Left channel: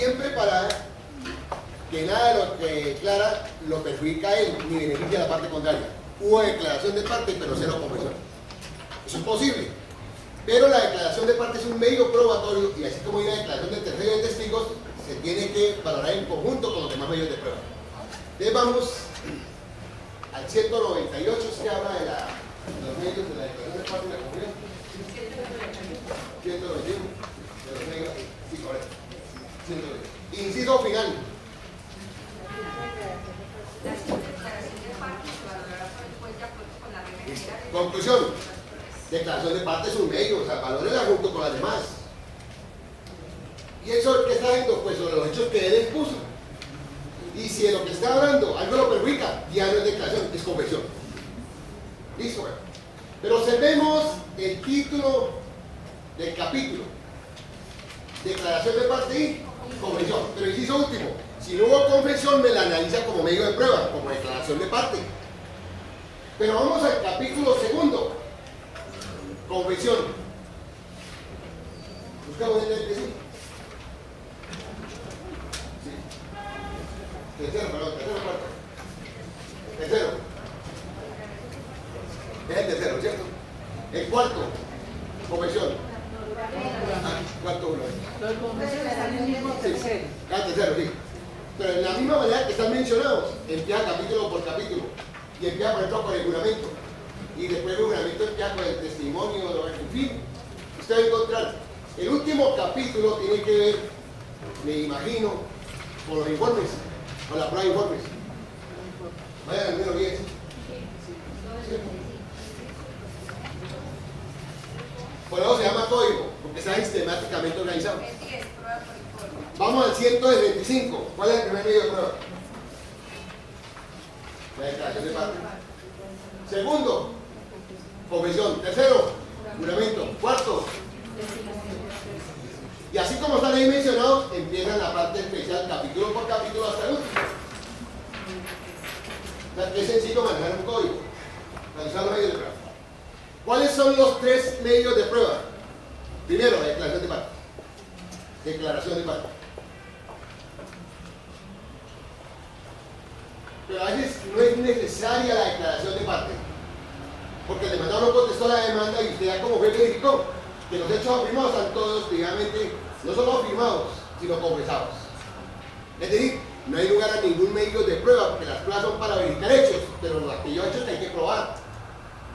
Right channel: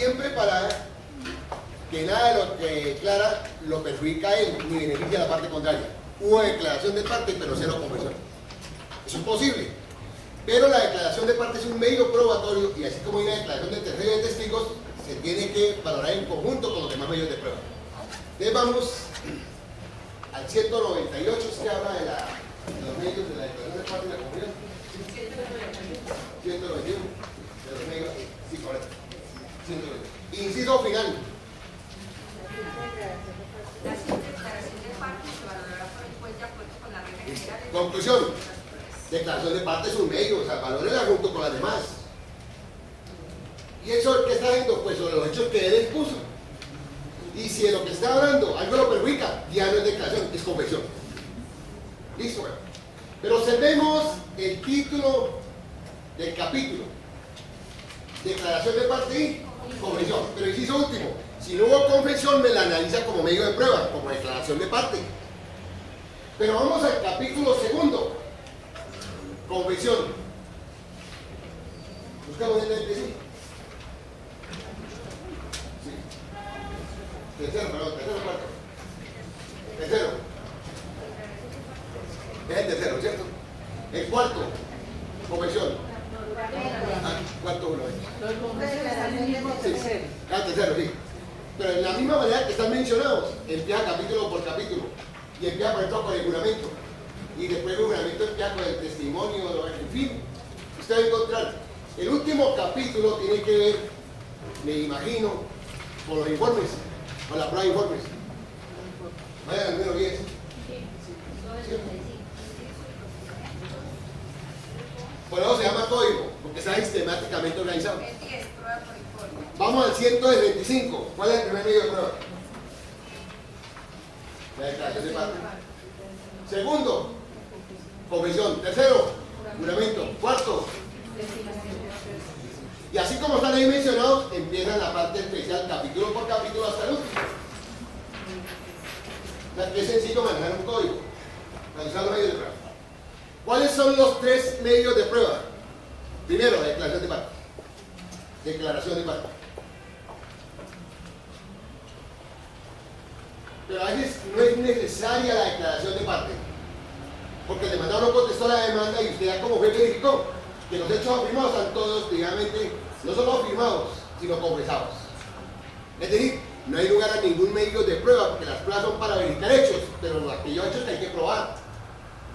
bien preparada, que nada de lo que declara lo perjudica a él ni beneficia a la parte contraria. Hubo declaración de parte, pero cero confesión. Eso es posible. Pero la declaración de parte es un medio probatorio y así como hay una declaración de tercero de testigos, se tiene que valorar en conjunto con los demás medios de prueba. Entonces vamos al 198, que habla de los medios de la declaración de parte y la confesión. 191 de los medios, sí, correcto. 191. Inciso final. La declaración de parte se valorará por el juez de acuerdo con la regla general. Conclusión. Declaración de parte es un medio, o sea, valórela junto con las demás. ¿Y eso qué está haciendo? Pues sobre los hechos que él expuso. Y si de lo que está hablando algo lo perjudica, ya no es declaración, es confesión. Listo, bueno. Pero observemos el título del capítulo. Declaración de parte y confesión. Pero inciso último, si no hubo confesión, me la analiza como medio de prueba, como declaración de parte. Pero vamos al capítulo segundo. Confesión. Buscamos en el que sí. Tercero, perdón, cuarto. Tercero. Es el tercero, ¿cierto? El cuarto. Confesión. Cuarto uno. Los confesores están en el mismo tercero. Tercero, sí. Pero en la misma manera que están mencionados, empieza capítulo por capítulo. Y empieza, por ejemplo, con el juramento. Y después el juramento empieza con el testimonio, en fin. Usted va a encontrar. El último capítulo tiene que ver, me imagino, con los informes. Con la prueba de informes. Vayan al número 10. Por eso se llama código, porque está sistemáticamente organizado. Es 10, prueba por informe. Vamos al 125. ¿Cuál es el primer medio de prueba? La declaración de parte. Segundo, confesión. Tercero, juramento. Cuarto. Y así como están ahí mencionados, empieza la parte especial, capítulo por capítulo hasta el último. O sea, que es sencillo manejar un código, analizar los medios de prueba. ¿Cuáles son los tres medios de prueba? Primero, declaración de parte. Declaración de parte. Pero a veces no es necesaria la declaración de parte, porque el demandado no contestó la demanda y usted ya como juez verificó que los hechos afirmados están todos, digamos, no solo afirmados, sino confesados. Es decir, no hay lugar a ningún medio de prueba, porque las pruebas son para verificar hechos, pero aquellos hechos que hay que probar.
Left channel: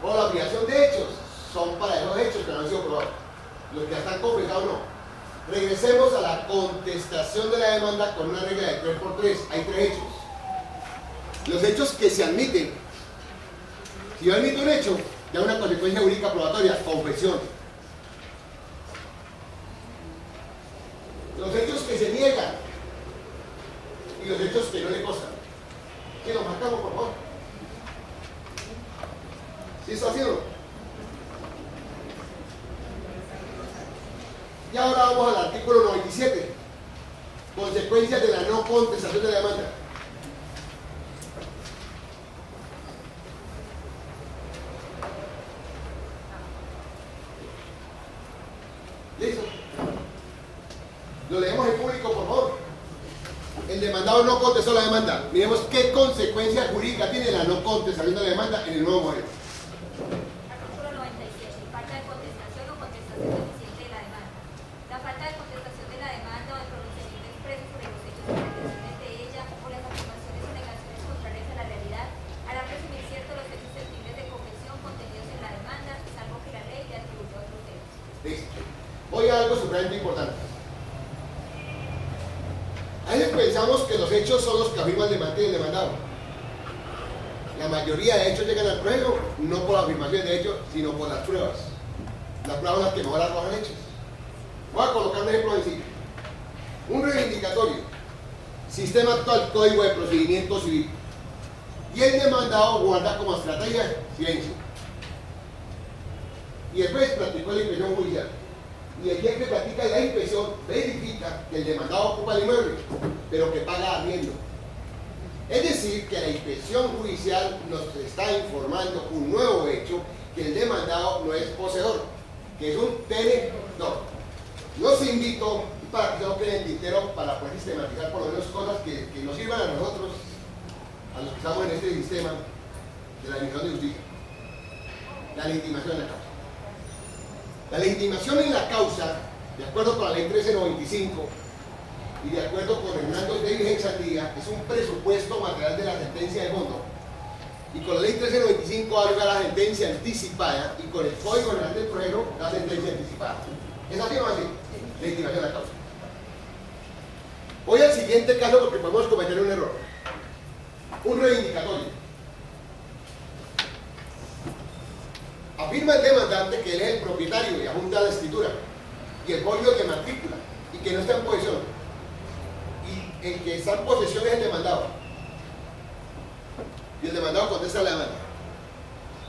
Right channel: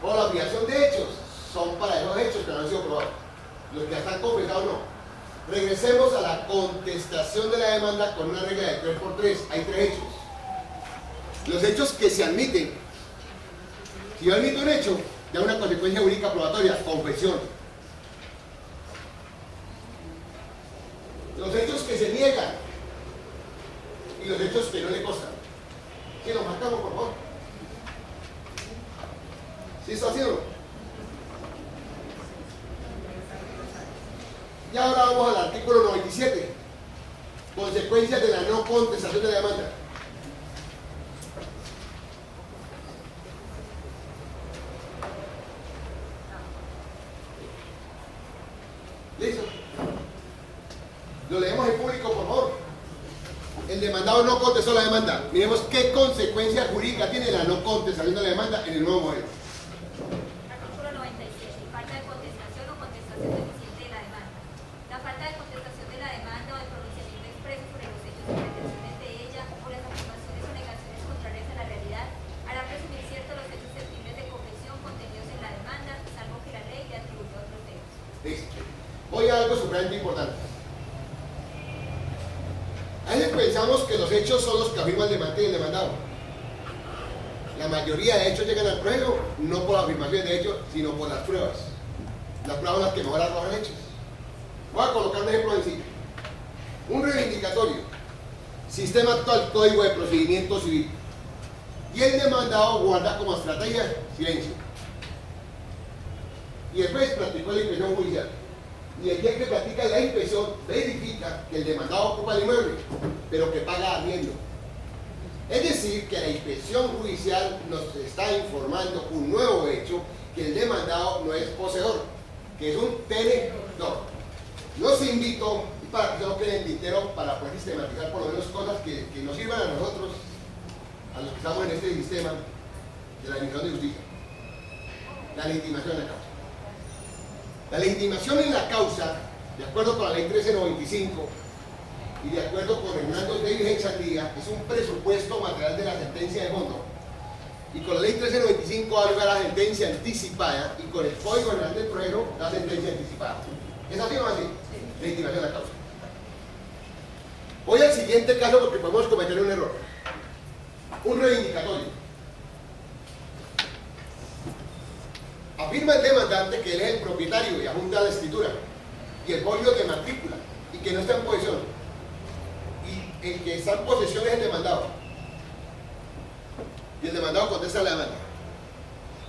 O la obligación de hechos son para esos hechos que no han sido probados. Los que ya están confesados no. Regresemos a la contestación de la demanda con una regla de 3×3. Hay tres hechos. Los hechos que se admiten. Si yo admito un hecho, ya una consecuencia jurídica probatoria, confesión. Los hechos que se niegan y los hechos que no le costan. ¿Sí los marcamos, por favor? ¿Sí está haciendo? Y ahora vamos al artículo 97. Consecuencias de la no contestación de la demanda. ¿Listo? Lo leemos en público, por favor. El demandado no contestó la demanda. Miremos qué consecuencias jurídicas tiene la no contestación de la demanda en el nuevo modelo. Artículo 97. Falta de contestación o contestación deficiente de la demanda. La falta de contestación de la demanda o de pronunciamiento expreso sobre los hechos o pretensiones de ella o las afirmaciones o negaciones contrarias a la realidad hará presumir ciertos los hechos susceptibles de confesión contenidos en la demanda, salvo que la ley le atribuya otros hechos. Listo. Voy a algo supremamente importante. A veces pensamos que los hechos son los que afirma el demandante y el demandado. La mayoría de hechos llegan al proceso no por afirmaciones de hechos, sino por las pruebas. Las pruebas son las que mejor arrojan hechos. Voy a colocar un ejemplo sencillo. Un reivindicatorio. Sistema actual, Código de Procedimiento Civil. Y el demandado guarda como estrategia silencio. Y después practicó la inspección judicial. Y el día que practica la inspección verifica que el demandado ocupa el inmueble, pero que paga arriendo. Es decir, que la inspección judicial nos está informando un nuevo hecho, que el demandado no es poseedor, que es un tenedor. Los invito para que se lo quede en tintero para poder sistematizar por lo menos cosas que nos sirvan a nosotros, a los que estamos en este sistema de la Administración de Justicia. La legitimación en la causa. La legitimación en la causa, de acuerdo con la ley 1395 y de acuerdo con Hernando de Vigencia, es un presupuesto material de la sentencia de fondo. Y con la ley 1395 da lugar a la sentencia anticipada y con el Código General del Proceso la sentencia anticipada. ¿Es así o no así? Legitimación de la causa. Voy al siguiente caso porque podemos cometer un error. Un reivindicatorio. Afirma el demandante que él es el propietario y adjunta la escritura y el folio de matrícula y que no está en posesión. Y el que está en posesión es el demandado. Y el demandado contesta la demanda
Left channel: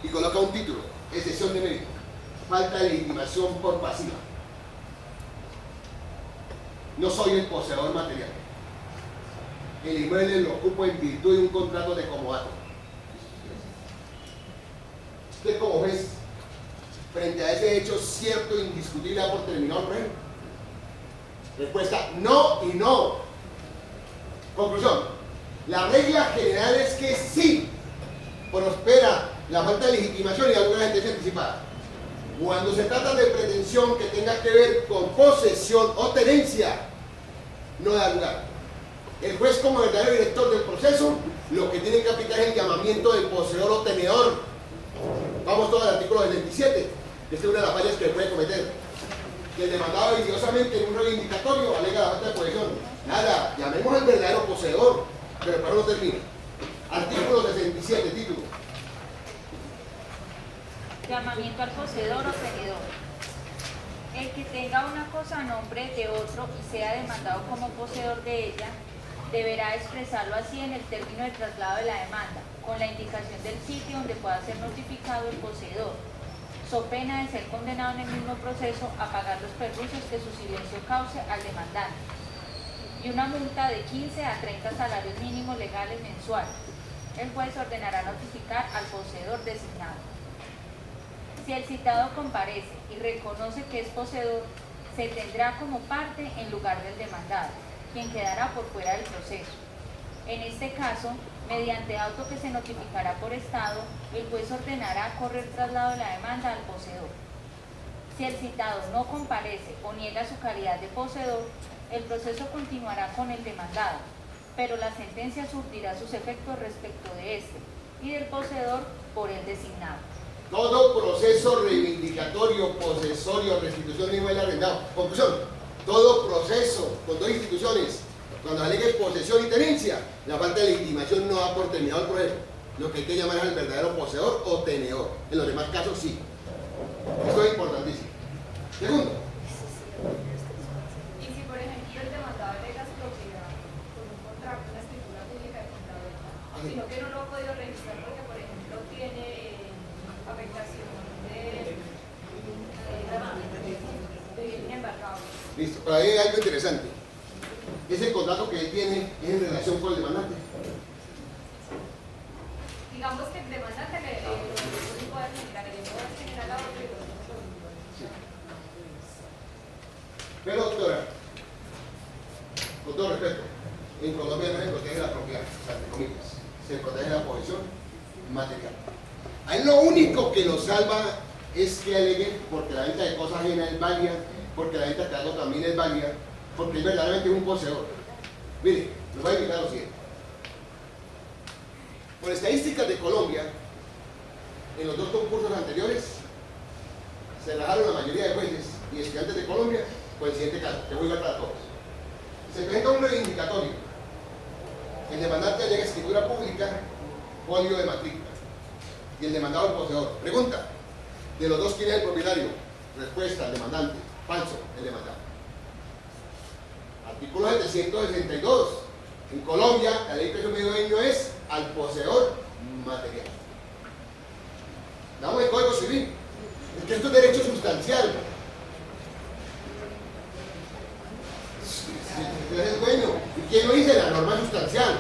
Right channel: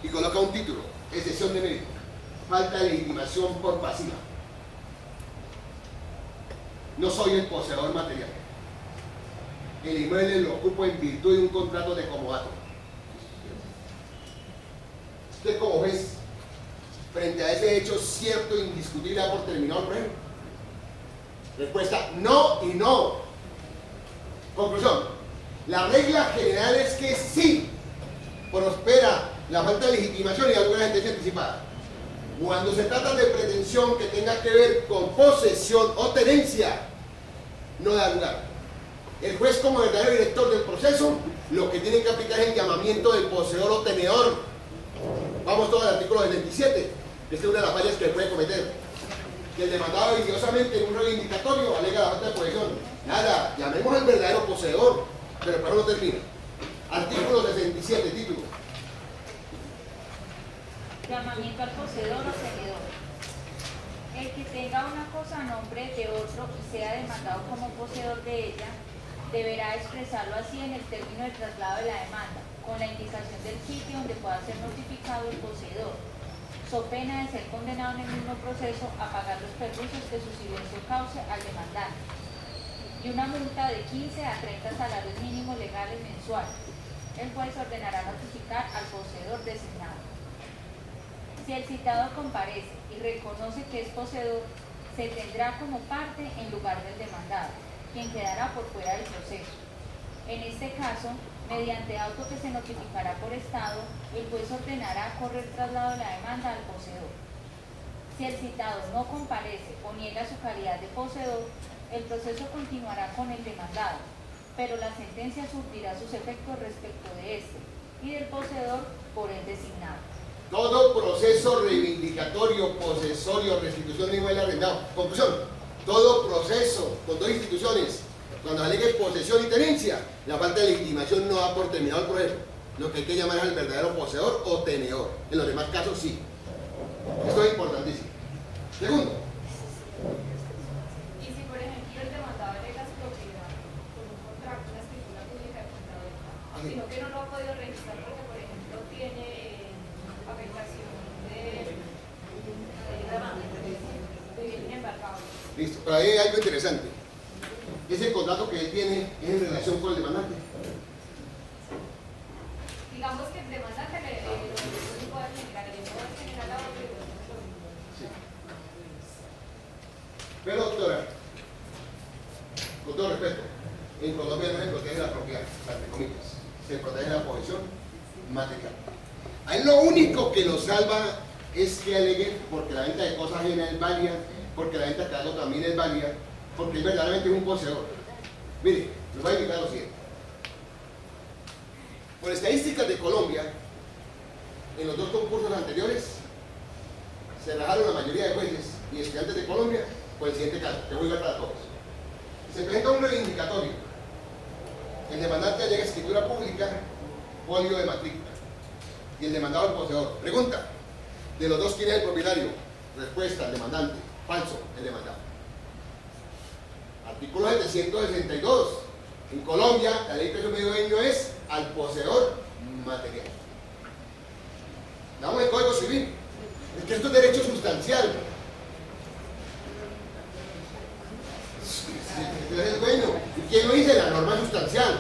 y coloca un título: excepción de mérito, falta de legitimación por pasiva. No soy el poseedor material. El inmueble lo ocupo en virtud de un contrato de comodato. Usted, como ves, frente a ese hecho cierto e indiscutible, da por terminado el proceso. Respuesta: no y no. Conclusión: la regla general es que sí prospera la falta de legitimación y alguna sentencia anticipada. Cuando se trata de pretensión que tenga que ver con posesión o tenencia, no da lugar. El juez, como verdadero director del proceso, lo que tiene que aplicar es el llamamiento del poseedor o tenedor. Vamos todos al artículo 77, que es una de las fallas que puede cometer. Que el demandado viciosamente en un reivindicatorio alega la falta de posesión. Nada, llamemos al verdadero poseedor, pero para no termina. Artículo 67, título. Llamamiento al poseedor o tenedor. El que tenga una cosa a nombre de otro y sea demandado como poseedor de ella, deberá expresarlo así en el término de traslado de la demanda, con la indicación del sitio donde pueda ser notificado el poseedor, so pena de ser condenado en el mismo proceso a pagar los perjuicios que su silencio cause al demandante, y una multa de 15 a 30 salarios mínimos legales mensuales. El juez ordenará notificar al poseedor designado. Si el citado comparece y reconoce que es poseedor, se tendrá como parte en lugar del demandado, quien quedará por fuera del proceso. En este caso, mediante auto que se notificará por estado, el juez ordenará correr traslado de la demanda al poseedor. Si el citado no comparece o niega su calidad de poseedor, el proceso continuará con el demandado, pero la sentencia surtirá sus efectos respecto de este y del poseedor por el designado. Todo proceso reivindicatorio, posesorio, restitución de inmueble arrendado. Conclusión: todo proceso con dos instituciones, cuando alegue posesión y tenencia, la falta de legitimación no da por terminado el proceso. Lo que hay que llamar es al verdadero poseedor o tenedor. En los demás casos sí. Esto es importantísimo. Segundo. Y si, por ejemplo, el demandado alega su propiedad con un contrato, una escritura pública de compraventa, sino que no lo ha podido registrar porque, por ejemplo, tiene afectación de bien embarcado. Listo, pero ahí hay algo interesante. Ese contrato que él tiene es en relación con el demandante. Digamos que el demandante le puede generar, le puede generar la otra y lo Sí. Pero, doctora, con todo respeto, en Colombia no se protege la propiedad, entre comillas, se protege la posesión material. Ahí lo único que lo salva es que alegue porque la venta de cosas ajenas es válida, porque la venta de algo también es válida, porque es verdaderamente un poseedor. Mire, les voy a indicar lo siguiente. Por estadísticas de Colombia, en los dos concursos anteriores, se rajaron la mayoría de jueces y estudiantes de Colombia por el siguiente caso, que voy a ver para todos. Se presenta un reivindicatorio. El demandante alega escritura pública, folio de matrícula. Y el demandado el poseedor. Pregunta: de los dos, ¿quién es el propietario? Respuesta: el demandante. Falso, el demandado. Artículo 762. En Colombia, la ley preso medio dueño es al poseedor material. Damos el Código Civil. Es que esto es derecho sustancial. Es el dueño. ¿Y quién lo dice? La norma sustancial.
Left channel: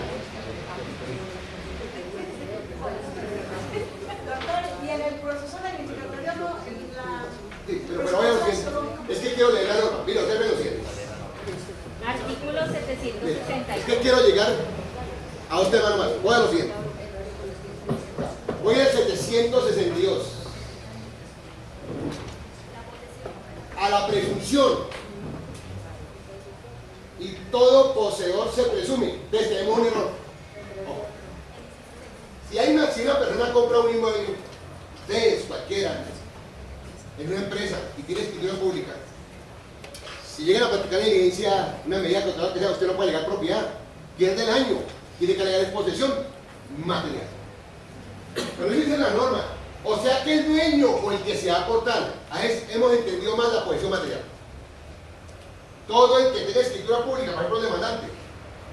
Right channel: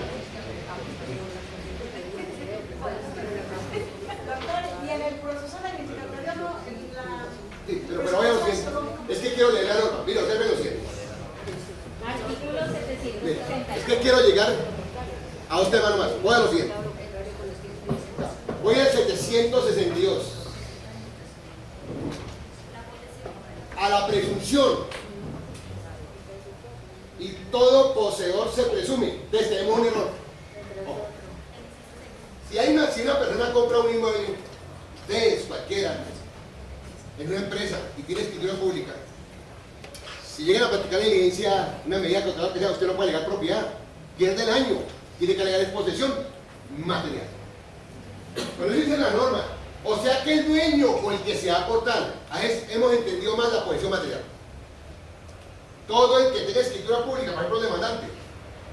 Y en el proceso reivindicatorio no, Sí, pero vaya lo siguiente. Es que quiero leer la norma. Mira, observe lo siguiente. 762. Es que quiero llegar a un tema nomás. Voy a lo siguiente. Voy al 762. A la presunción. Y todo poseedor se presume. Entonces tenemos un error. Ojo. Si una persona compra un inmueble, ustedes, cualquiera, en una empresa y tiene escritura pública, si llegan a practicar la diligencia, una medida contraria que sea, usted no puede alegar propiedad, pierde el año, tiene que alegar posesión material. Pero eso dice la norma. O sea que el dueño o el que se va a aportar, hemos entendido más la posesión material. Todo el que tenga escritura pública, por ejemplo, el demandante,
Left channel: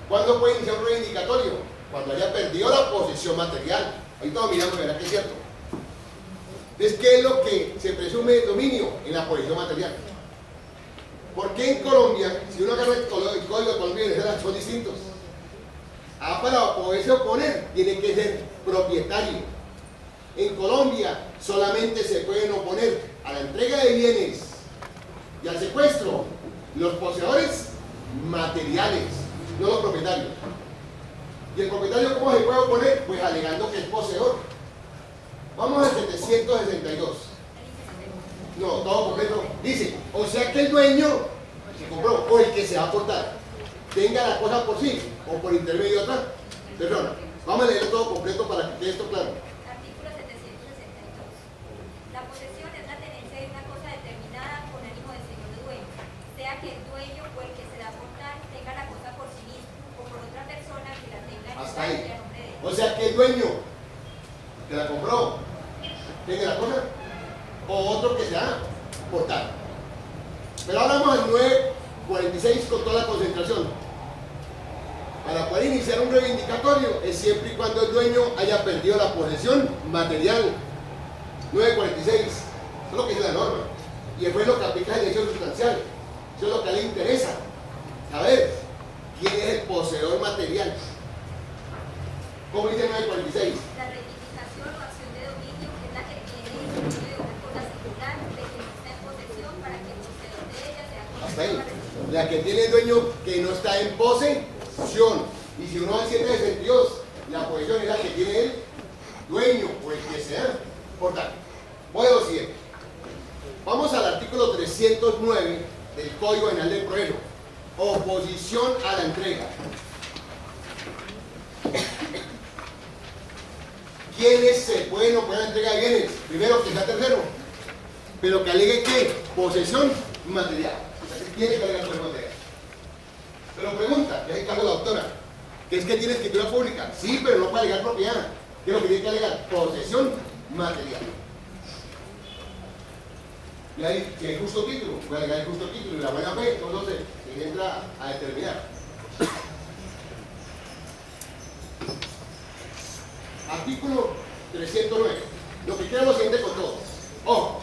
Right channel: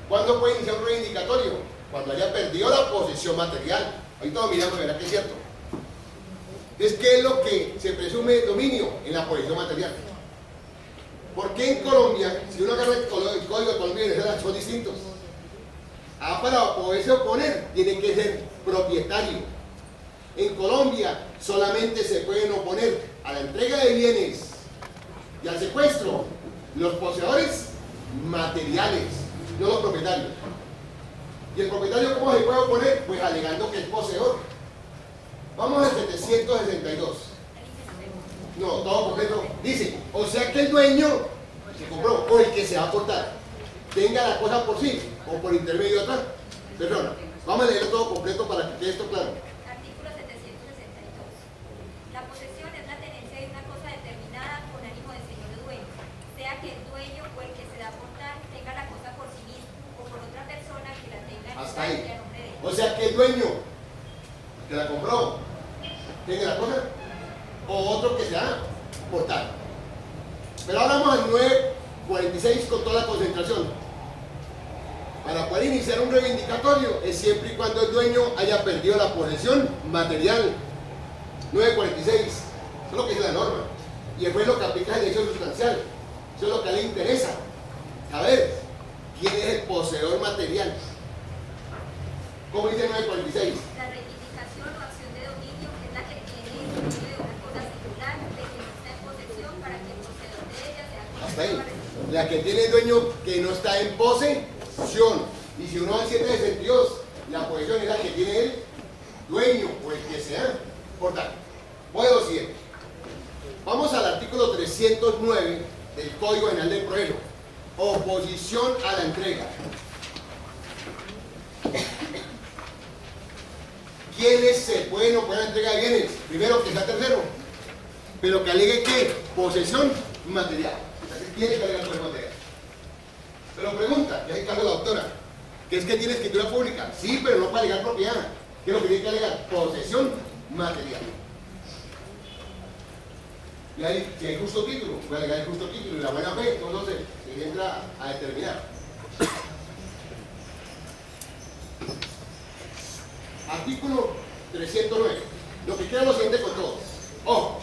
¿cuándo puede iniciar un reivindicatorio? Cuando haya perdido la posesión material. Ahí todos miramos, verá que es cierto. Entonces, ¿qué es lo que se presume de dominio? En la posesión material. ¿Por qué en Colombia, si uno agarra el código de Colombia y Venezuela, son distintos? Para poderse oponer, tiene que ser propietario. En Colombia solamente se pueden oponer a la entrega de bienes y al secuestro los poseedores materiales, no los propietarios. ¿Y el propietario cómo se puede oponer? Pues alegando que es poseedor. Vamos al 762. No, todo completo. Dice, o sea que el dueño que compró o el que se va a aportar tenga la cosa por sí o por intermedio de otra persona. Vamos a leer todo completo para que quede esto claro. Artículo 762. La posesión es la tenencia de una cosa determinada con ánimo de señor o dueño, sea que el dueño o el que se da a aportar tenga la cosa por sí mismo o por otra persona que la tenga en Hasta estancia ahí. a nombre de él. O sea que el dueño que la compró tenga la cosa o otro que se va a aportar. Pero ahora vamos al 946 con toda la concentración. Para poder iniciar un reivindicatorio es siempre y cuando el dueño haya perdido la posesión material. 946. Eso es lo que dice la norma. Y después lo que aplica el derecho sustancial. Eso es lo que a él le interesa. Saber quién es el poseedor material. ¿Cómo dice el 946? La reivindicación o acción de dominio es la que tiene el dominio de una cosa singular de que no está en posesión para que el poseedor de ella sea Hasta ahí. conocido. La que tiene el dueño que no está en posesión. Y si uno va al 762, la posesión es la que tiene el dueño o el que sea. Por tanto, voy a lo siguiente. Vamos al artículo 309 del Código Penal del Proceso. Oposición a la entrega. ¿Quiénes se pueden oponer a la entrega de bienes? Primero, que sea tercero. Pero que alegue que posesión material. O sea, que tiene que alegar posesión material. Pero pregunta, que es el caso de la doctora, que es que tiene escritura pública. Sí, pero no para alegar propiedad. ¿Qué es lo que tiene que alegar? Posesión material. Y ahí, si hay justo título, voy a alegar el justo título y la buena fe, entonces se entra a determinar. Artículo 309. Lo que queda es lo siguiente con todos. Ojo,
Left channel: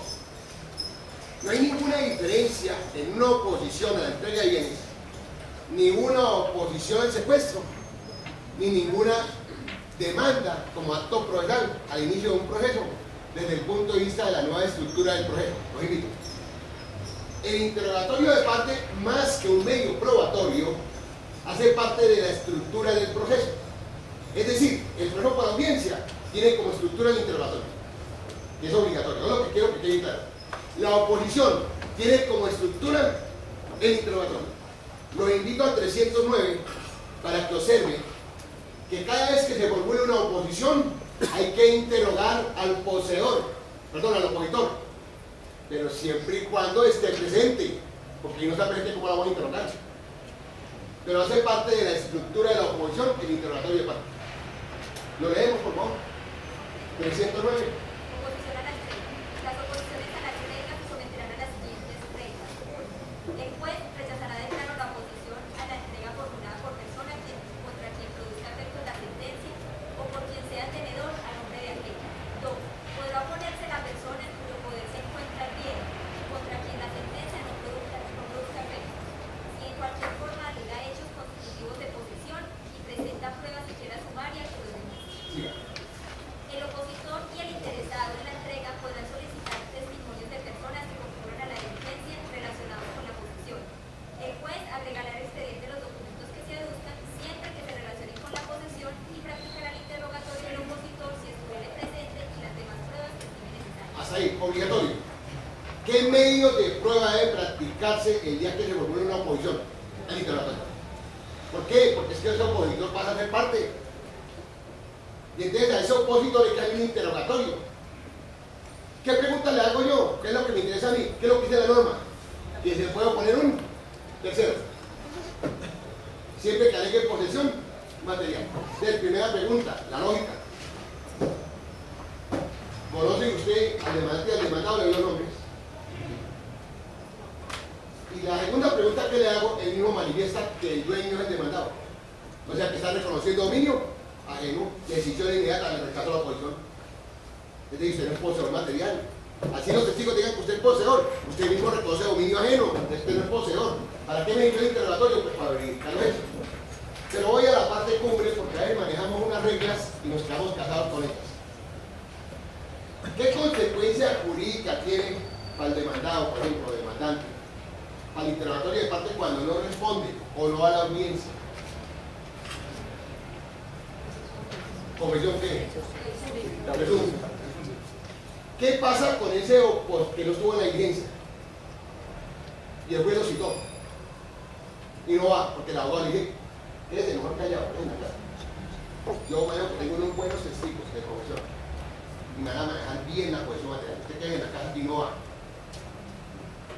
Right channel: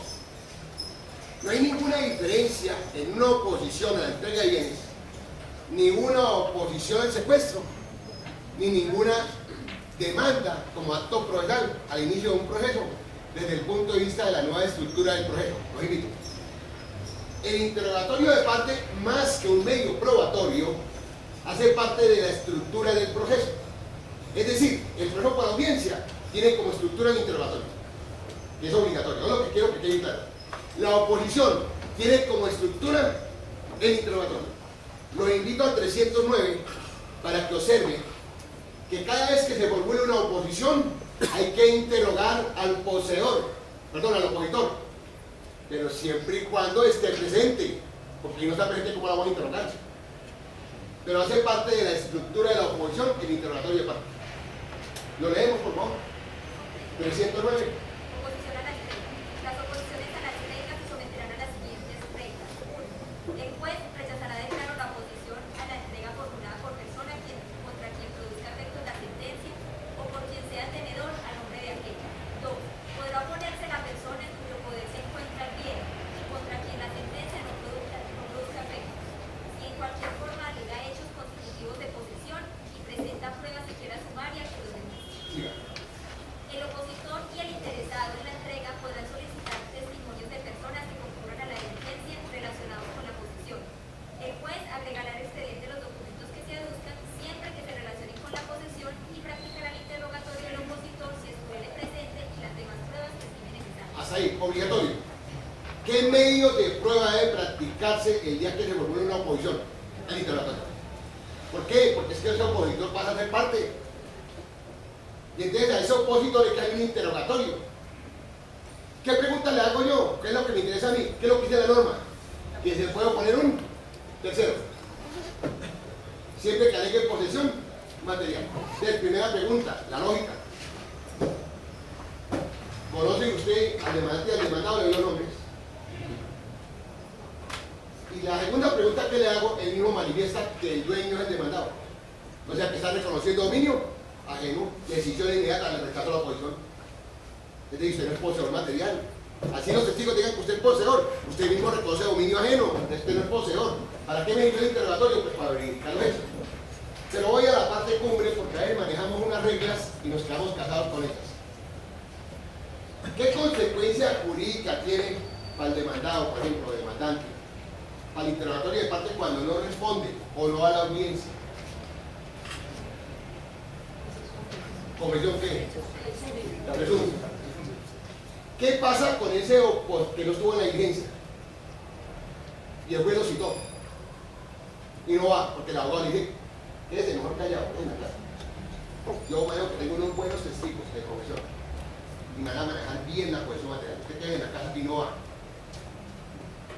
no hay ninguna diferencia en una oposición a la entrega de bienes, ni una oposición al secuestro, ni ninguna demanda como acto procesal al inicio de un proceso desde el punto de vista de la nueva estructura del proceso. Los invito. El interrogatorio de parte, más que un medio probatorio, hace parte de la estructura del proceso. Es decir, el proceso por audiencia tiene como estructura el interrogatorio, y es obligatorio, no es lo que quiero que quede claro. La oposición tiene como estructura el interrogatorio. Los invito al 309 para que observen que cada vez que se formule una oposición hay que interrogar al poseedor, perdón, al opositor, pero siempre y cuando esté presente, porque si no está presente, ¿cómo la vamos a interrogar? Pero hace parte de la estructura de la oposición el interrogatorio de parte. Lo leemos, por favor. 309. Oposición a la entrega. Las oposiciones a la entrega se someterán a las siguientes reglas. 1. El juez rechazará de plano la oposición a la entrega formulada por persona contra quien produzca efecto la sentencia o por quien sea tenedor a nombre de aquella. 2. Podrá oponerse la persona en cuyo poder se encuentra el bien y contra quien la sentencia no produzca efecto. Si en cualquier forma alega hechos constitutivos de posesión y presenta pruebas siquiera sumarias que los demuestren. Siga. El opositor y el interesado obligatorio. ¿Qué medios de prueba debe practicarse el día que se formule una oposición? El interrogatorio. ¿Por qué? Porque es que ese opositor pasa a ser parte. Y entonces a ese opositor le cae un interrogatorio. ¿Qué pregunta le hago yo? ¿Qué es lo que me interesa a mí? ¿Qué es lo que dice la norma? Que se puede oponer un tercero. Siempre que alegue posesión material. Entonces, primera pregunta, la lógica. ¿Conoce usted al demandante y al demandado? Le doy los nombres. Y la segunda pregunta que le hago, él mismo manifiesta que el dueño es el demandado. O sea, que está reconociendo dominio ajeno, decisión inmediata, le rechazo la oposición. Es decir, usted no es poseedor material. Así los testigos digan que usted es poseedor, usted mismo reconoce dominio ajeno, usted no es poseedor. ¿Para qué me hizo el interrogatorio? Pues para verificarlo eso. Pero voy a la parte cumbre porque a veces manejamos unas reglas y nos quedamos casados con ellas. ¿Qué consecuencia jurídica tiene para el demandado, por ejemplo, demandante? Para el interrogatorio de parte cuando no responde o no va a la audiencia. ¿Confesión qué? Presunta. ¿Qué pasa con ese que no estuvo en la diligencia? Y el juez lo citó. Y no va, porque el abogado le dice, quédese mejor callado, en la clase. Yo veo que tengo unos buenos testigos de confesión. Y me van a manejar bien la cohesión material. Usted quede en la casa y no va.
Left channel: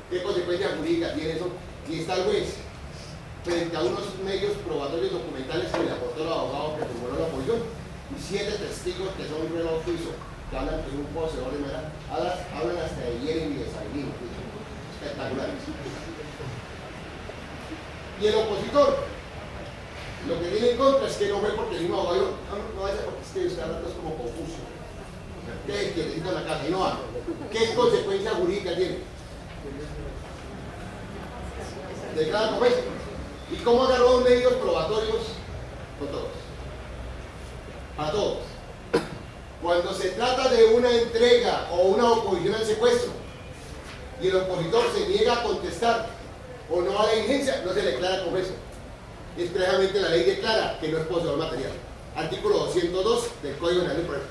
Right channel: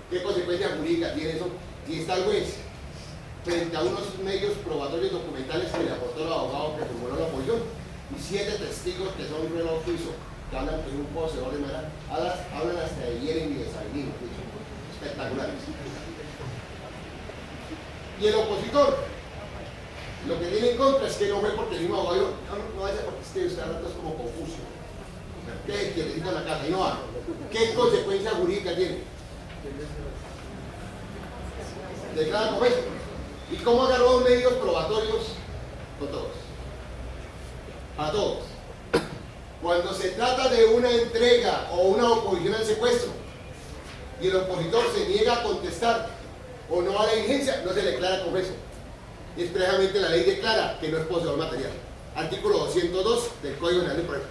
¿Qué consecuencia jurídica tiene eso? Y está el juez frente a unos medios probatorios documentales que le aportó el abogado que formuló la oposición y 7 testigos que son un reloj suizo, que hablan que un poseedor de manera, hablan hasta de Yeren y de Sabinino, espectaculares. Y el opositor, lo que tiene en contra es que no ve porque el mismo abogado no vaya porque es que usted habla es como confuso. ¿Qué? Que necesita la casa y no va. ¿Qué consecuencia jurídica tiene? Declara como eso. ¿Y cómo agarró los medios probatorios? Con todos. Para todos. Cuando se trata de una entrega o una oposición al secuestro y el opositor se niega a contestar o no a la diligencia, no se le declara como eso. Expresamente la ley declara que no es poseedor material. Artículo 202 del Código Penal del Proceso.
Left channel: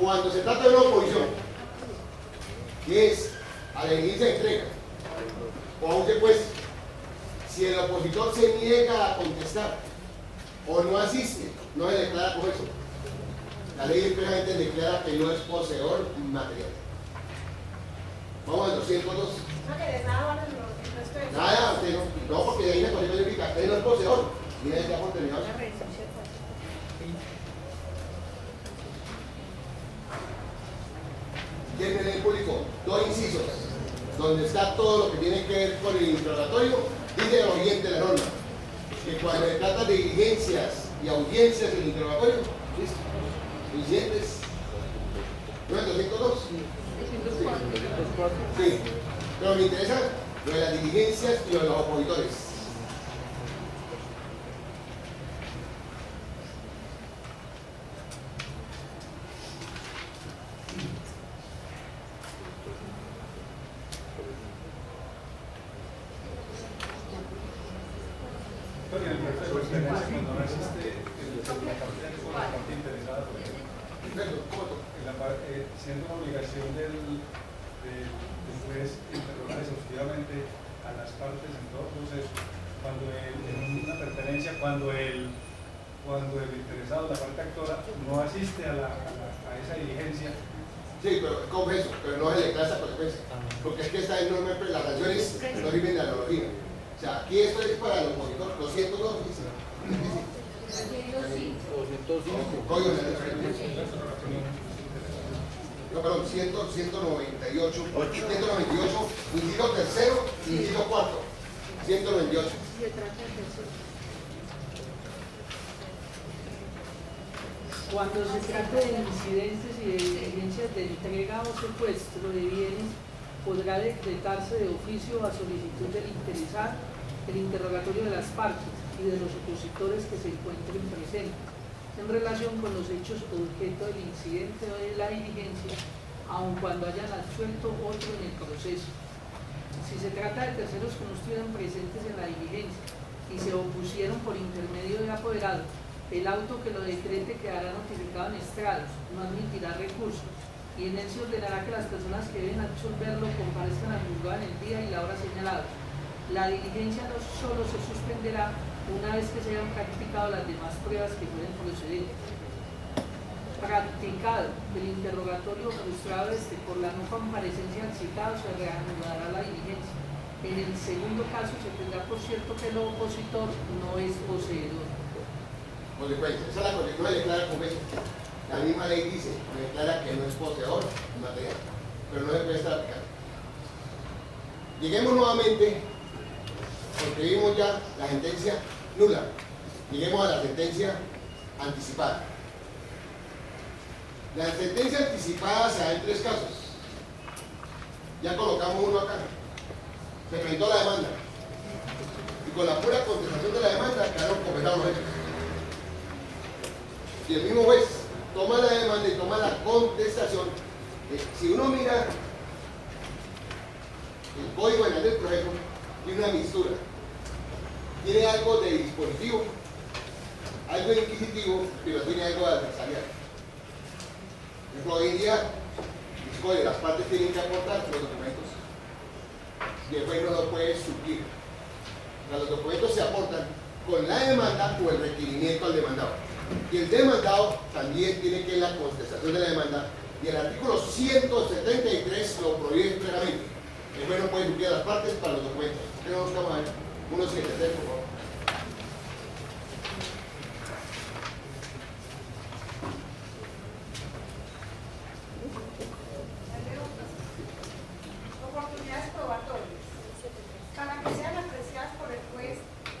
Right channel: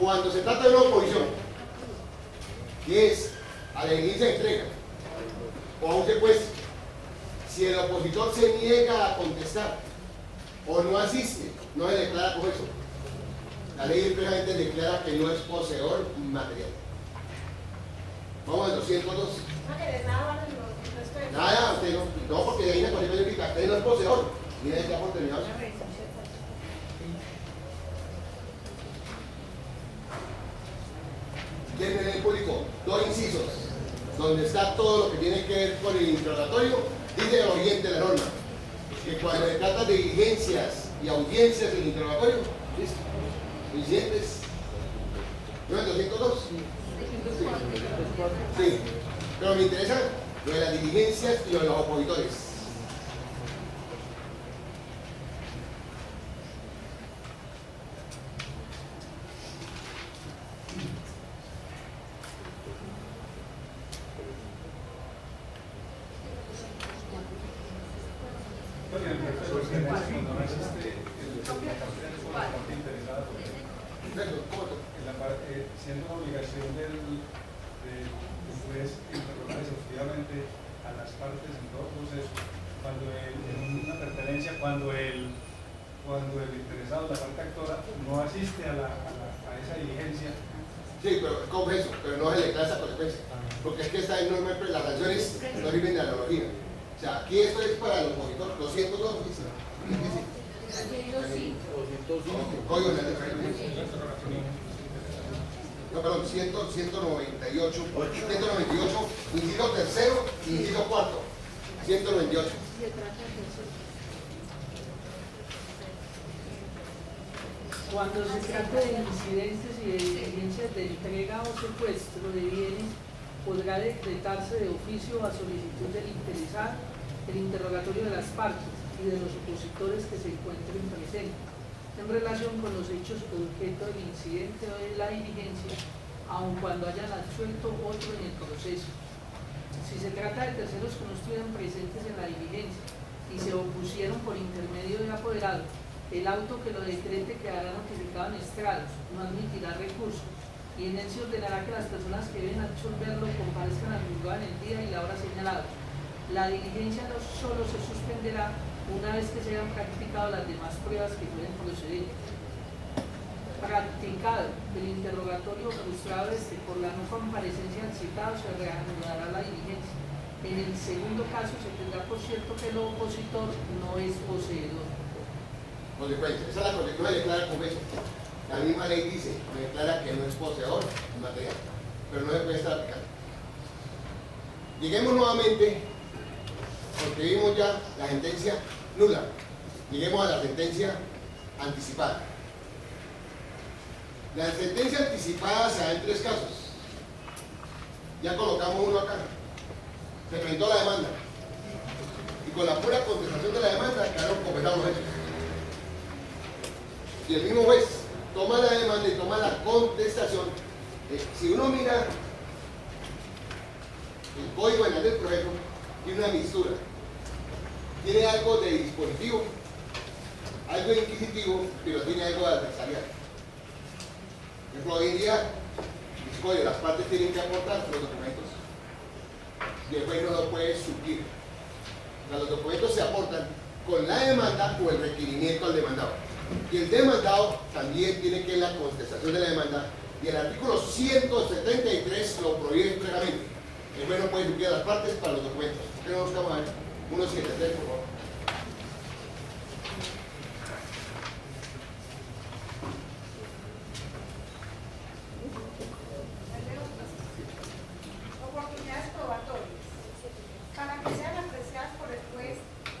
Cuando se trata de una oposición, que es a la diligencia de entrega o a un secuestro, si el opositor se niega a contestar o no asiste, no se declara como eso. La ley expresamente declara que no es poseedor material. Vamos al 202. No querés nada, vale, no. Nada, usted no, porque de ahí la consecuencia jurídica, usted no es poseedor. Mira, ya por terminado. Tiene en el público 2 incisos, donde está todo lo que tiene que ver con el interrogatorio. Dice el oyente de la norma, que cuando se trata de diligencias y audiencias del interrogatorio, ¿listo? Incidentes, ¿no es 202? Sí, pero me interesa lo de las diligencias y lo de los opositores. Siendo una obligación del juez interrogar exhaustivamente a las partes en todo proceso, cuando en una pertenencia, cuando el interesado, la parte actora, no asiste a esa diligencia. Sí, pero ¿cómo es eso? Pero no se le declara esa consecuencia. Porque es que esta norma, las sanciones no sirven de analogía. O sea, aquí esto es para el opositor, 202 dice. Código de la no, perdón, 198, inciso tercero, inciso cuarto, 198. Cuando se trata de incidentes y de diligencias de entrega o secuestro de bienes, podrá decretarse de oficio a solicitud del interesado el interrogatorio de las partes y de los opositores que se encuentren presentes en relación con los hechos objeto del incidente o de la diligencia, aun cuando hayan absuelto otro en el proceso. Si se trata de terceros que no estuvieran presentes en la diligencia y se opusieron por intermedio de apoderado, el auto que lo decrete quedará notificado en estrados, no admitirá recurso, y en él se ordenará que las personas que deben absolverlo comparezcan al juzgado en el día y la hora señalados. La diligencia no solo se suspenderá una vez que se hayan practicado las demás pruebas que pueden proceder. Practicado el interrogatorio frustrado por la no comparecencia al citado, se reanudará la diligencia. En el segundo caso se tendrá por cierto que el opositor no es poseedor. Consecuencia, esa es la consecuencia, no le declara como eso. La misma ley dice, me declara que no es poseedor en material, pero no se puede estar aplicando. Lleguemos nuevamente, porque vimos ya la sentencia nula, lleguemos a la sentencia anticipada. La sentencia anticipada se da en 3 casos. Ya colocamos uno acá. Se presentó la demanda y con la pura contestación de la demanda quedaron completados los hechos. Y el mismo juez toma la demanda y toma la contestación. Si uno mira el código penal del proceso, tiene una mixtura. Tiene algo de dispositivo, algo de inquisitivo, pero tiene algo de adversarial. Por ejemplo, hoy en día, el código, las partes tienen que aportar los documentos y el juez no lo puede suplir. O sea, los documentos se aportan con la demanda o el requerimiento al demandado. Y el demandado también tiene que la contestación de la demanda, y el artículo 173 lo prohíbe claramente. El juez no puede suplir a las partes para los documentos. ¿Por qué no buscamos a ver? 173, por favor. Oportunidades probatorias. Para que sean apreciadas por el juez,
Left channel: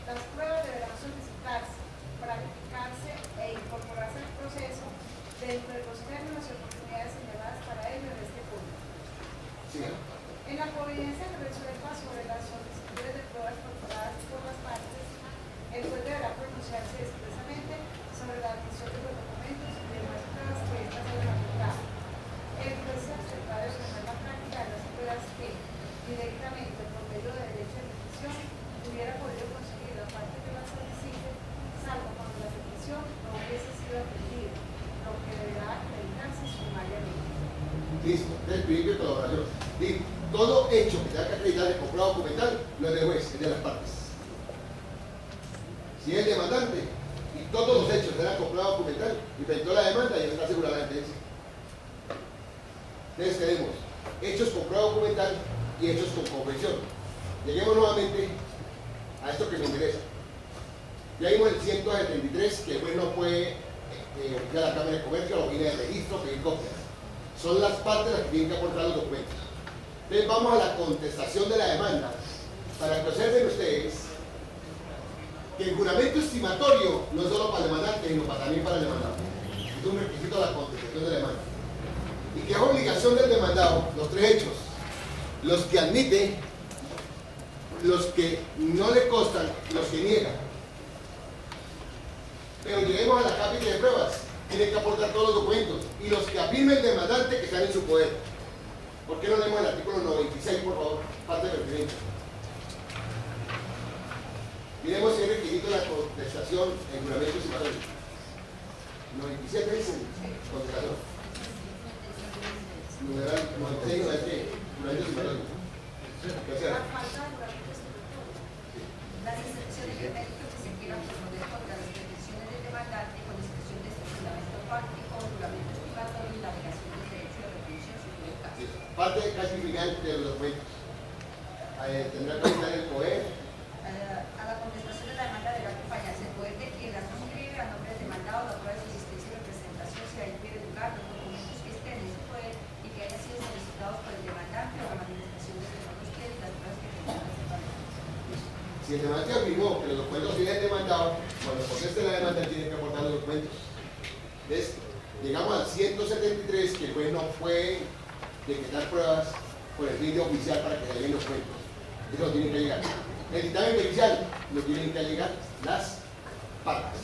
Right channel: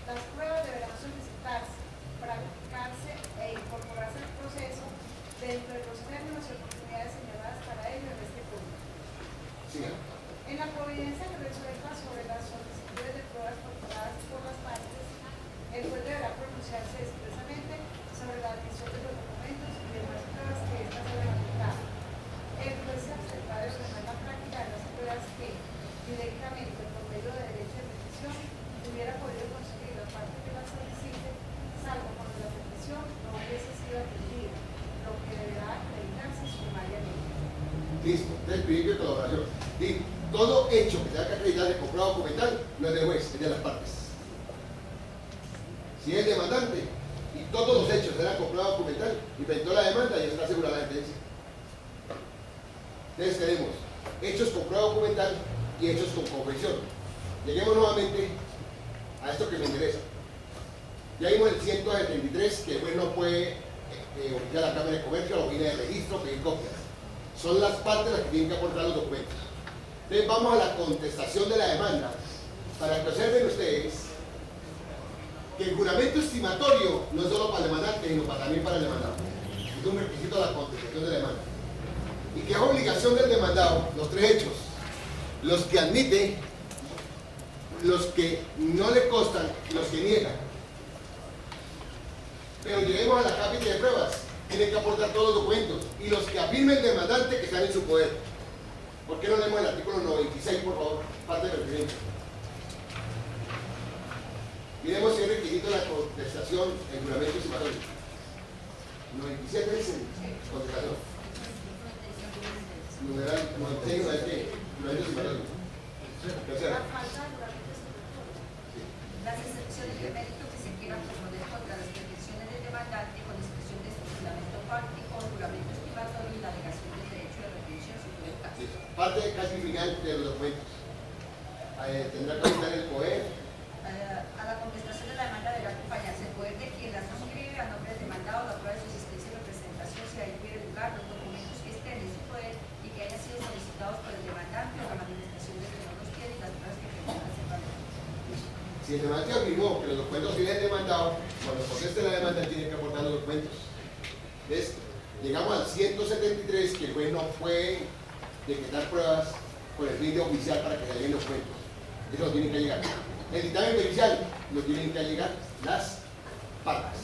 las pruebas deberán solicitarse, practicarse e incorporarse al proceso dentro de los términos y oportunidades señaladas para ello en este punto. Sí. En la providencia que resuelva sobre las solicitudes de pruebas formuladas por las partes, el juez deberá pronunciarse expresamente sobre la admisión de los documentos y demás pruebas que éstas deben aplicar. El juez se abstendrá de ordenar la práctica de las pruebas que, directamente por medio de derecho de petición, hubiera podido conseguir la parte que las solicite, salvo cuando la petición no hubiese sido atendida, lo que deberá acreditarse sumariamente. Listo, entonces principio de colaboración. Y todo hecho que tenga que acreditar el comprobado documental no es del juez, es de las partes. Si es el demandante y todos los hechos eran comprobado documental y presentó la demanda, ya está asegurada la sentencia. Entonces tenemos hechos comprobado documental y hechos con confesión. Lleguemos nuevamente a esto que me interesa. Ya vimos el 173 que el juez no puede obligar a la Cámara de Comercio, a la oficina de registro, pedir copias. Son las partes las que tienen que aportar los documentos. Entonces vamos a la contestación de la demanda, para que observen ustedes que el juramento estimatorio no es solo para el demandante, sino también para el demandado. Es un requisito de la contestación de la demanda. Y que es obligación del demandado, los 3 hechos, los que admite, los que no le constan y los que niegan. Pero lleguemos a la cápita de pruebas, tienen que aportar todos los documentos y los que afirme el demandante que están en su poder. ¿Por qué no leemos el artículo 96, por favor? Parte del requerimiento. Miremos si es requisito la contestación en juramento estimatorio. 97 dice contestación. Numeral 96 no es que juramento estimatorio. La falta de juramento estimatorio. Las excepciones de mérito que se quieran proponer contra las pretensiones del demandante con expresión de su fundamento fáctico o juramento estimatorio y la negación del derecho de repetición en su caso. Parte casi final de los documentos. Tendrá que estar el poder. A la contestación de la demanda deberá acompañarse el poder de quien la suscribe a nombre del demandado, la prueba de su existencia y representación si ahí hubiera lugar, los documentos que estén en su poder y que hayan sido solicitados por el demandante o la manifestación de que no los tiene y las pruebas que presentan separadamente. Si el demandante afirmó que los documentos tienen demandado, cuando conteste la demanda tiene que aportar los documentos. ¿Ves? Llegamos al 173 que el juez no puede decretar pruebas con el fin de oficial para que se lleguen los documentos. Eso lo tienen que llegar. El dictamen pericial lo tienen que llegar las partes.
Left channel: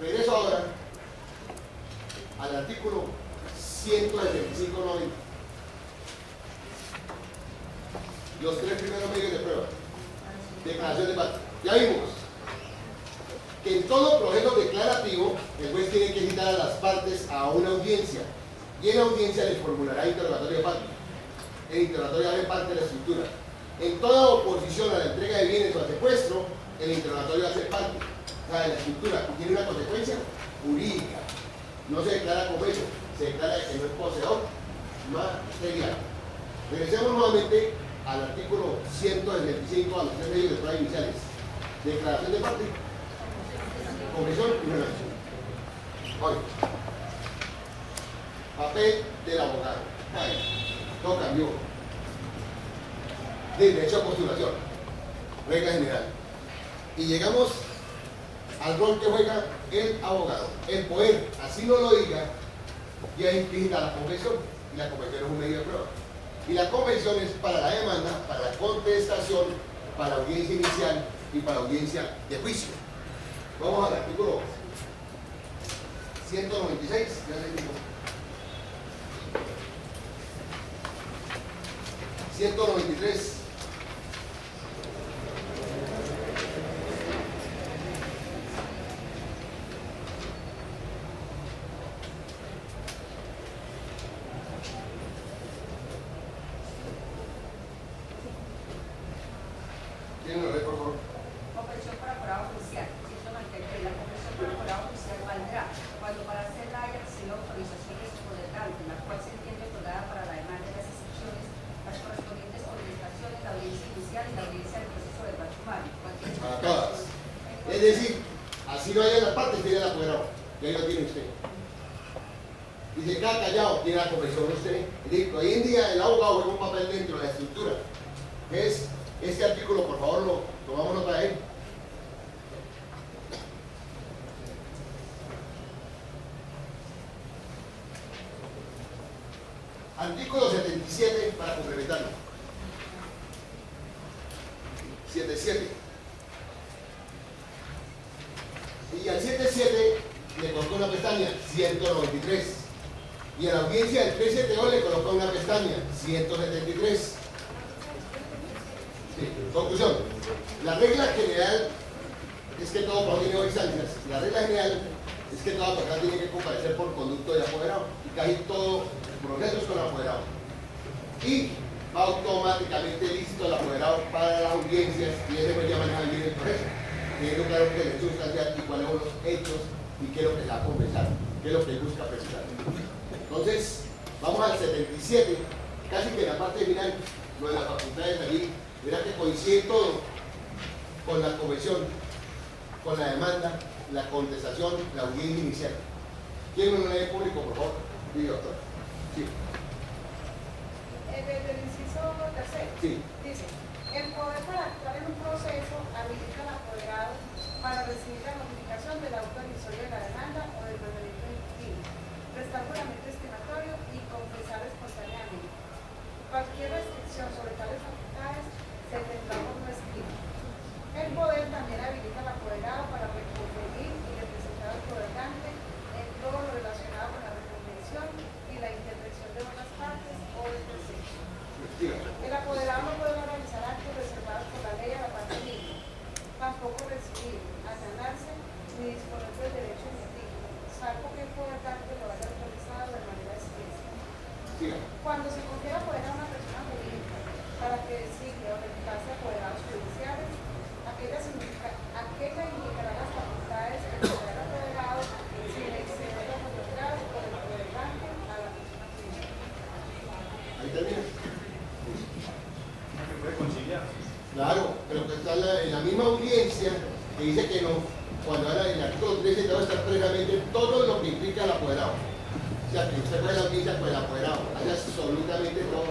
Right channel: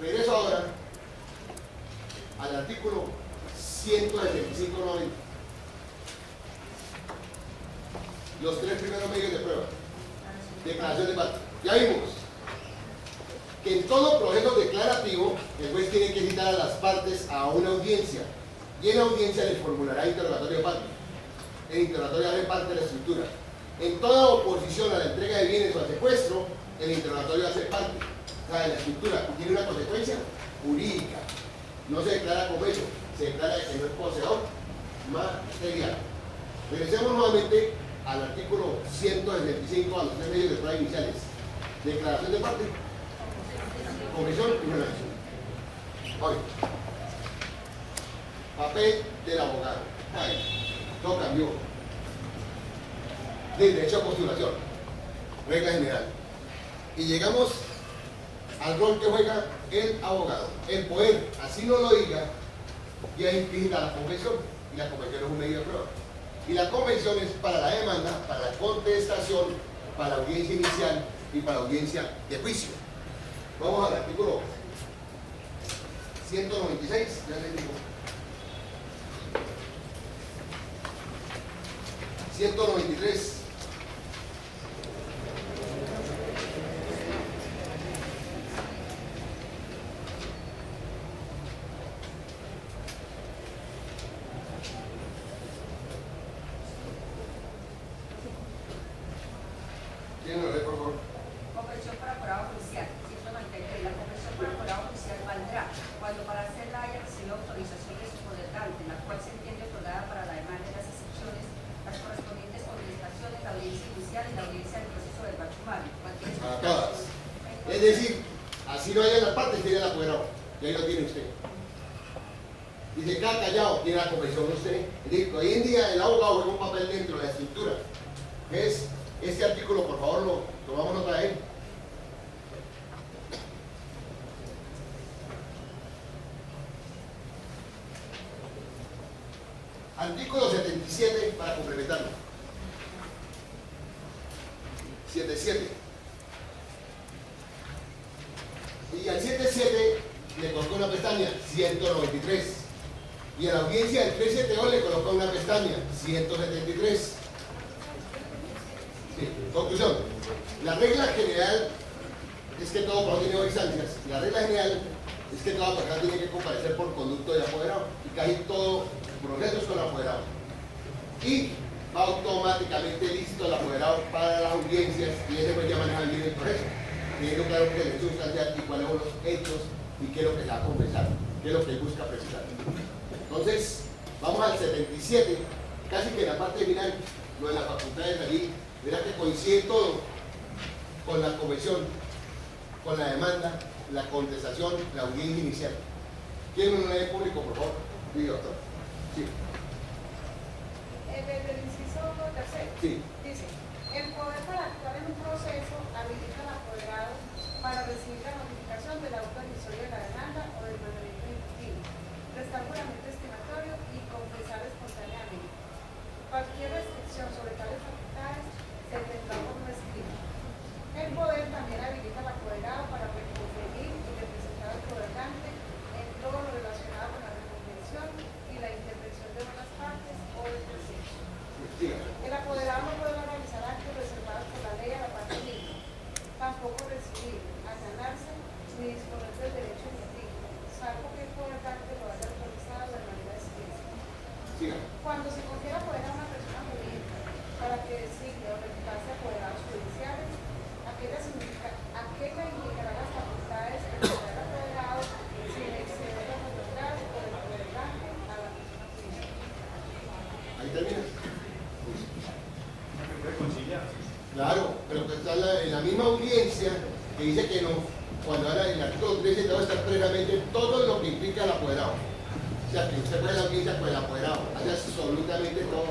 Regreso ahora al artículo 175.90. Los tres primeros medios de prueba. Declaración de parte. Ya vimos que en todo proceso declarativo el juez tiene que citar a las partes a una audiencia y en la audiencia les formulará interrogatorio de parte. El interrogatorio hace parte de la estructura. En toda oposición a la entrega de bienes o al secuestro, el interrogatorio hace parte, o sea, de la estructura, y tiene una consecuencia jurídica. No se declara como hecho, se declara que no es poseedor material. Regresemos nuevamente al artículo 165 a los tres medios de prueba iniciales. Declaración de parte, confesión y revelación. Hoy, papel del abogado. Ay, todo cambió. De derecho a postulación, regla general. Y llegamos al rol que juega el abogado. El poder, así no lo diga, ya implica la confesión. Y la confesión es un medio de prueba. Y la confesión es para la demanda, para la contestación, para la audiencia inicial y para la audiencia de juicio. Vamos al artículo 196. Ya les digo. 193. ¿Quién lo lee, por favor? Confesión para jurado judicial. 193. La confesión para jurado judicial valdrá cuando para hacerla haya recibido autorización de su poderante, la cual se entiende otorgada para la demanda de las excepciones, las correspondientes contestaciones, la audiencia inicial y la audiencia del proceso verbal sumario. Para todas. Es decir, así no haya las partes, tiene el apoderado. Y ahí lo tiene usted. Y se queda callado, tiene la confesión usted. Es decir, hoy en día el abogado juega un papel dentro de la estructura. Es este artículo, por favor, lo tomamos nota de él. Artículo 77 para complementarlo. 77. Y al 77 le colocó una pestaña, 193. Y a la audiencia del 372 le colocó una pestaña, 173. Sí, conclusión. La regla general es que todo proceso tiene dos instancias. La regla general es que toda persona tiene que comparecer por conducto de apoderado. Y casi todo proceso es con apoderado. Y va automáticamente listo el apoderado para las audiencias y ese pues ya maneja bien el proceso. Teniendo claro que es el hecho sustancial y cuáles son los hechos y qué es lo que se va a confesar, qué es lo que busca precisar. Entonces, vamos al 77, casi que en la parte final, lo de las facultades allí. Verá que coincide todo con la confesión, con la demanda, la contestación, la audiencia inicial. ¿Quién lo lee público, por favor? Sí, doctor. Sí. Del inciso tercero. Sí. Dice, el poder para actuar en un proceso habilita al apoderado para recibir la notificación del auto emisorio de la demanda o del mandamiento ejecutivo, prestar juramento estimatorio y confesar espontáneamente. Cualquier restricción sobre tales facultades se tendrá por no escrito. El poder también habilita al apoderado para reconferir y representar al poderante en todo lo relacionado con la reconvención y la intervención de otras partes o de terceros. El apoderado no podrá realizar actos reservados por la ley a la parte libre, tampoco recibir, allanarse ni disponer del derecho en litigio, salvo que el poderante lo haya autorizado de manera expresa. Cuando se confiera poder a una persona jurídica para que designe o reemplace apoderados judiciales, aquella indicará las facultades que tendrá el apoderado sin exceder las facultades por el poderante a la persona jurídica. Ahí termina. Se puede conciliar. Claro, pero que está en la misma audiencia que dice que no, cuando habla del artículo 13 debe estar previamente todo lo que implica el apoderado. O sea, que usted puede la audiencia con el apoderado, hace absolutamente todo.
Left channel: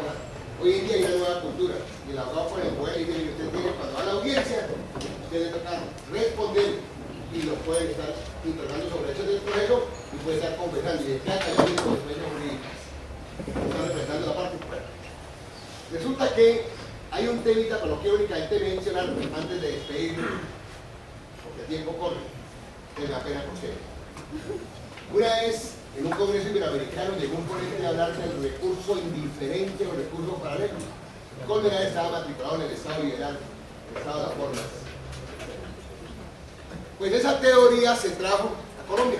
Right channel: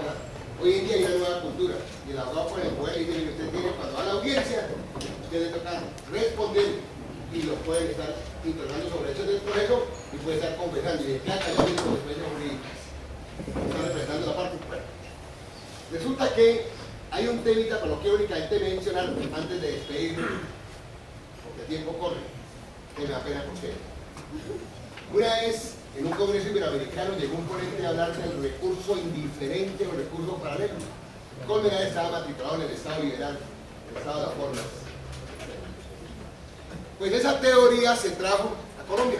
Hoy en día hay una nueva cultura y el abogado con el poder dice que usted tiene, cuando va a la audiencia, usted le toca responder y lo pueden estar interrogando sobre hechos del proceso y puede estar confesando y de plata el mismo después de jurídicas. Está representando la parte. Bueno, resulta que hay un temita, pero lo quiero únicamente mencionar antes de despedirme, porque el tiempo corre, que me da pena con ustedes. Una vez, en un congreso iberoamericano, llegó un ponente a hablar del recurso indiferente o recurso paralelo. Colmenar estaba matriculado en el Estado liberal, el Estado de las formas. Pues esa teoría se trajo a Colombia.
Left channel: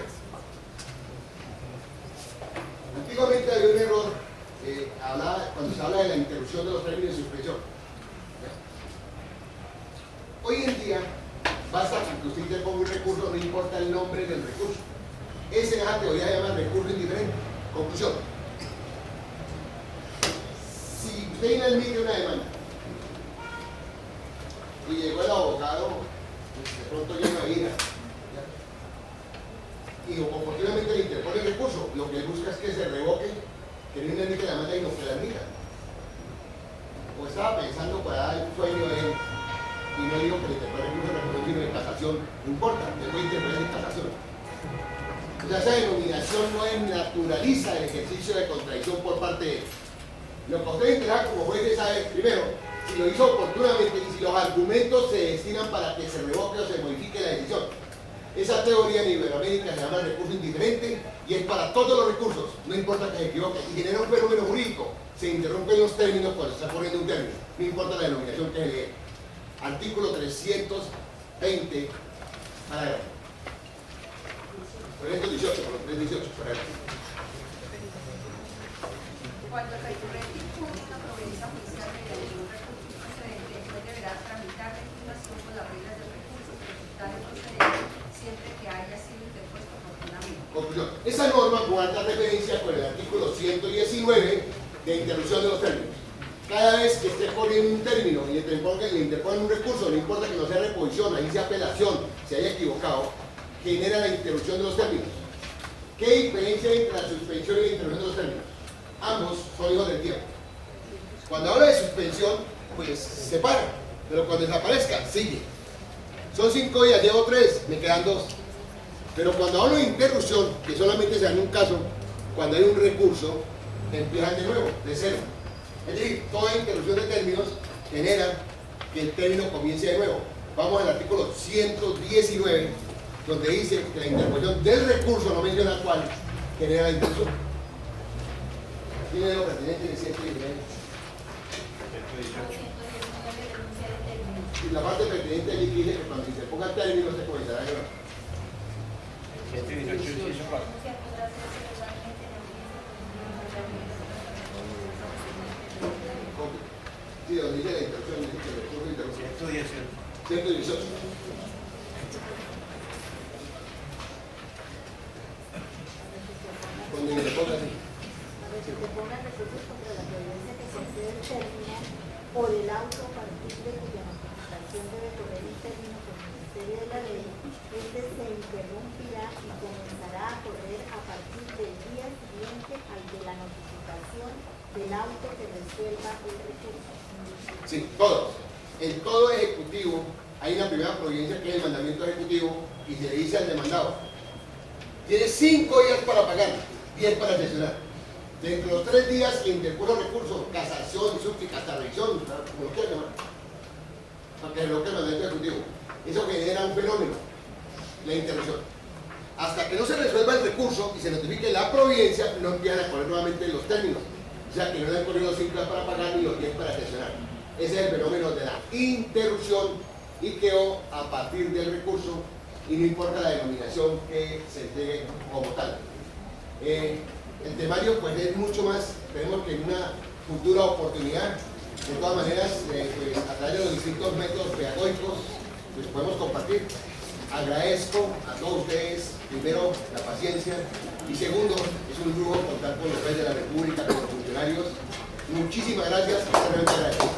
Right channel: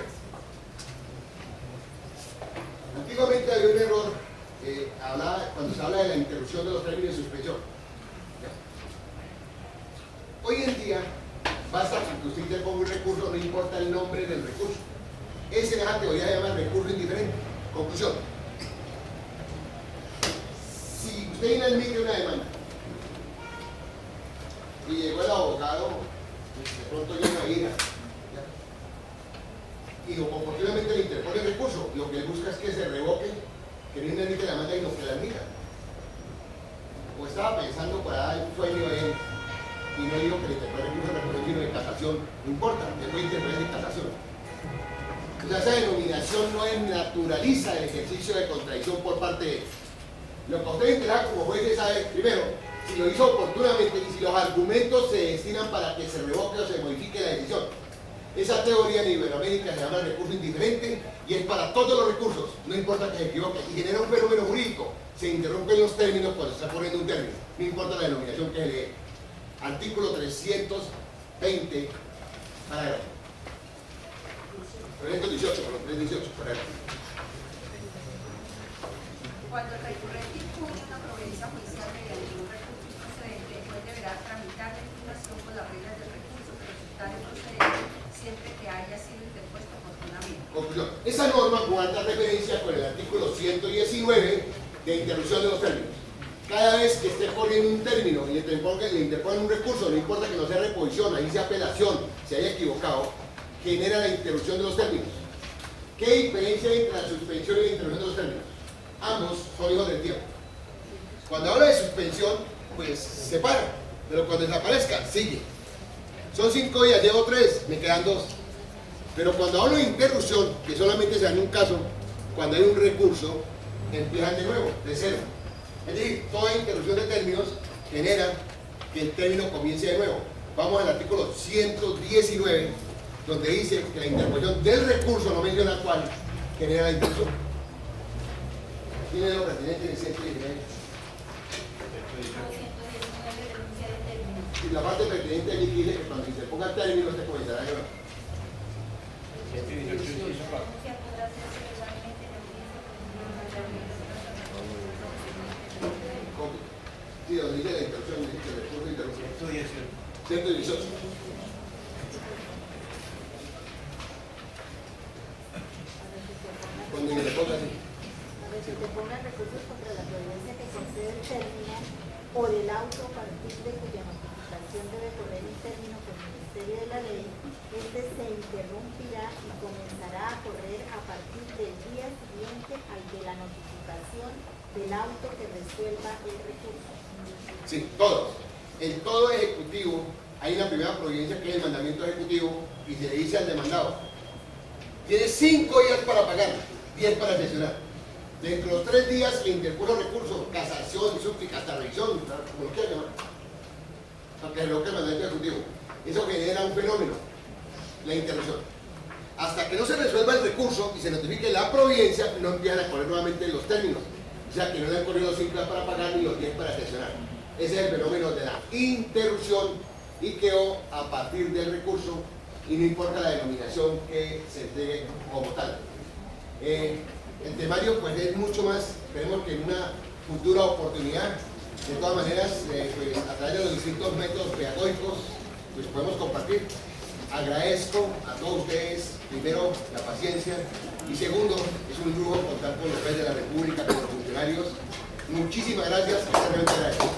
Antiguamente había un error cuando se habla de la interrupción de los términos de suspensión. Hoy en día, basta con que usted interponga un recurso, no importa el nombre del recurso. Esa es la teoría se llama recurso indiferente. Conclusión. Si usted inadmite una demanda y llegó el abogado, pues de pronto llega a ira, y oportunamente le interpone el recurso, lo que él busca es que se revoque, que no inadmite la demanda y no que la admita. O estaba pensando para dar un sueño a él, y no digo que le interpone el recurso, sino de casación, no importa, le puede interponer en casación. O sea, esa denominación no naturaliza el ejercicio de contradicción por parte de él. Lo que usted enterará como juez sabe, primero, si lo hizo oportunamente y si los argumentos se destinan para que se revoque o se modifique la decisión. Esa teoría en Iberoamérica se llama el recurso indiferente y es para todos los recursos, no importa que se equivoque, y genera un fenómeno jurídico. Se interrumpen los términos cuando se está poniendo un término, no importa la denominación que se lee. Artículo 320, parágrafo. 318, 318, parágrafo. Cuando el recurrente impugne una providencia judicial mediante un recurso procedente, el juez deberá tramitar la impugnación con las reglas del recurso que resultare procedente siempre que haya sido interpuesto oportunamente. Conclusión. Esa norma guarda referencia con el artículo 119 de interrupción de los términos. Cada vez que esté poniendo un término y le interponen un recurso, no importa que no sea reposición, ahí sea apelación, se haya equivocado, genera la interrupción de los términos. ¿Qué diferencia hay entre la suspensión y la interrupción de los términos? Ambos son hijos del tiempo. Cuando habla de suspensión, pues se para, pero cuando desaparezca, sigue. Son 5 días, llevo 3, me quedan 2. Pero cuando hablo de interrupción, que solamente se da en un caso, cuando hay un recurso, empiezan de nuevo, de cero. Es decir, toda interrupción de términos genera que el término comience de nuevo. Vamos al artículo 119, donde dice que la interposición del recurso, no menciona cuál, genera la interrupción. Tiene lo pertinente en el 119. Y la parte pertinente allí dice que cuando se interponga el término se comenzará a llorar. Sí, donde dice la interrupción, dice que el recurso de interrupción. 118. Cuando se interponga así. Cuando se interpongan recursos contra la providencia que concede el término o del auto a partir de cuya notificación debe correr el término por el Ministerio de la Ley, este se interrumpirá y comenzará a correr a partir del día siguiente al de la notificación del auto que resuelva el recurso. Sí, todos. En todo ejecutivo hay una primera providencia que es el mandamiento ejecutivo y se le dice al demandado: tiene 5 días para pagar, 10 para sesionar. Dentro de los 3 días le interpuso recurso, casación, súplica, hasta revisión, como lo quieran llamar, para que se revoque el mandamiento ejecutivo. Eso genera un fenómeno, la interrupción. Hasta que no se resuelva el recurso y se notifique la providencia, no empiezan a correr nuevamente los términos. O sea que no le han corrido los 5 días para pagar ni los 10 para sesionar. Ese es el fenómeno de la interrupción y quedó a partir del recurso y no importa la denominación que se entregue como tal. El temario pues es mucho más, esperemos que en una futura oportunidad, de todas maneras, pues, a través de los distintos métodos pedagógicos, pues podemos compartir. Agradezco a todos ustedes, primero, la paciencia, y segundo, es un lujo contar con los jueces de la República, con los funcionarios. Muchísimas gracias, realmente agradezco.